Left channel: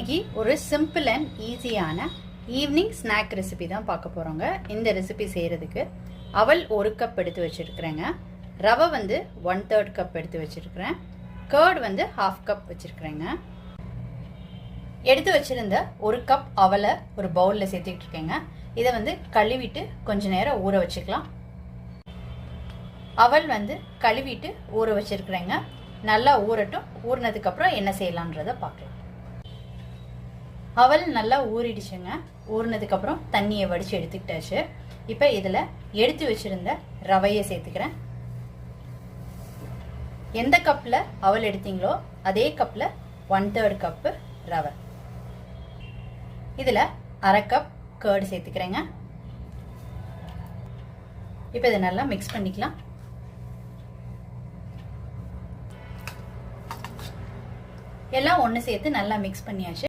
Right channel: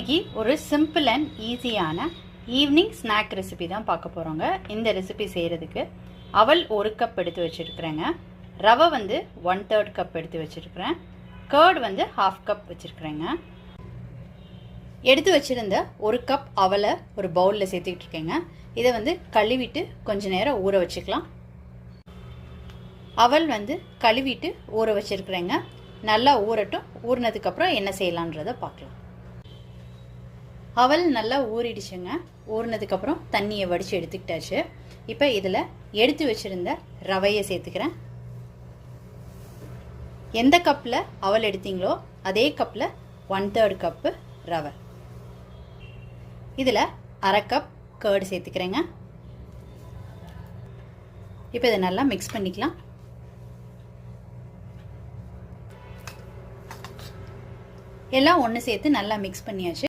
இன்னைக்கு ஒரு simple and ஈஸியான ஈவினிங் ஸ்நாக் ரெசிபி தான் பார்க்க போகிறோங்க. இந்த ரெசிபி செய்கிறதுக்கு அவல் 1 கப் எடுத்து வச்சுருக்குறேங்க. ரவை வந்து 1/3 கப் எடுத்து வச்சுருக்கிறேன். கர்ட் வந்து 1/2 கப் வச்சுருக்குறேங்க. எடுத்து வச்சுருந்த 1 கப் அவலை ஒரு பவுலில் சேர்த்துக்கிட்டு இருக்கேங்க. இதை வந்து கழுவிட்டு கொஞ்ச நேரம் ஊற வச்சுக்கலாம். அவல் வந்து கழுவிட்டு ஊற வச்சுருக்குறேங்க. நல்லா ஊறட்டும். ஊறினதுக்கப்புறம் என்ன செய்யலான்றதை பார்க்கலாம். அவல் நல்லா ஊறிடுச்சுங்க. ஊறினதுக்கப்புறம் தண்ணியை வடித்து எடுத்துக்கிட்டாச்சு. இப்போ இதில் எடுத்து வச்சுருந்த ரவையை சேர்த்துக்கிறேன். எந்த கப்பில் அவல் எடுத்தீங்களோ அதே கப்பில் 1/3 கப்பு ரவை. இதில் 1/2 கப் கர்டு சேர்த்துக்கிறேங்க. இப்போ இதை நல்லா மிக்ஸ் பண்ணிக்கலாம். எல்லாம் ஒன்று சேர்த்து நல்லா மிக்ஸ் பண்ணியாச்சு.